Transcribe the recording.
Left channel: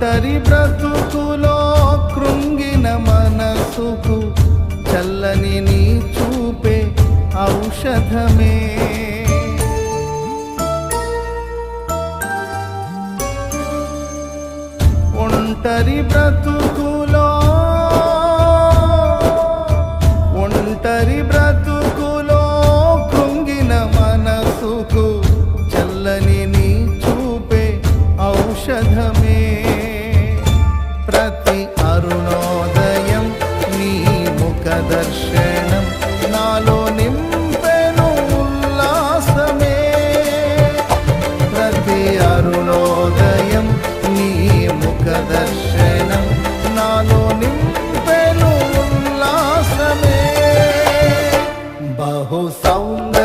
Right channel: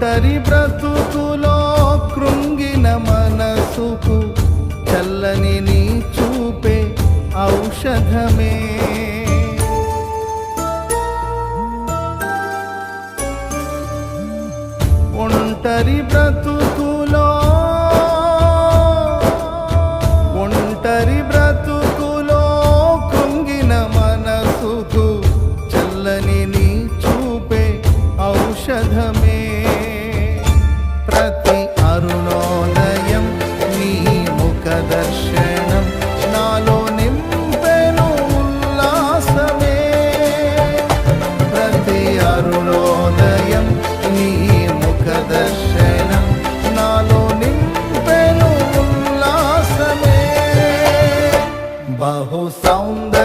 ఒంటరి బ్రతుకులో కృంగిన మనసుకు చల్లని నీ చూపే ఔషధమే. ఒంటరి బ్రతుకులో కృంగిన మనసుకు చల్లని నీ చూపే ఔషధమే. ప్రతి అరుణోదయం నీ ముఖ దర్శనం నాలో నింపెను ఉల్లాసమే. ప్రతి అరుణోదయం నీ ముఖ దర్శనం నాలో నింపెను ఉల్లాసమే. బహు సౌందర్య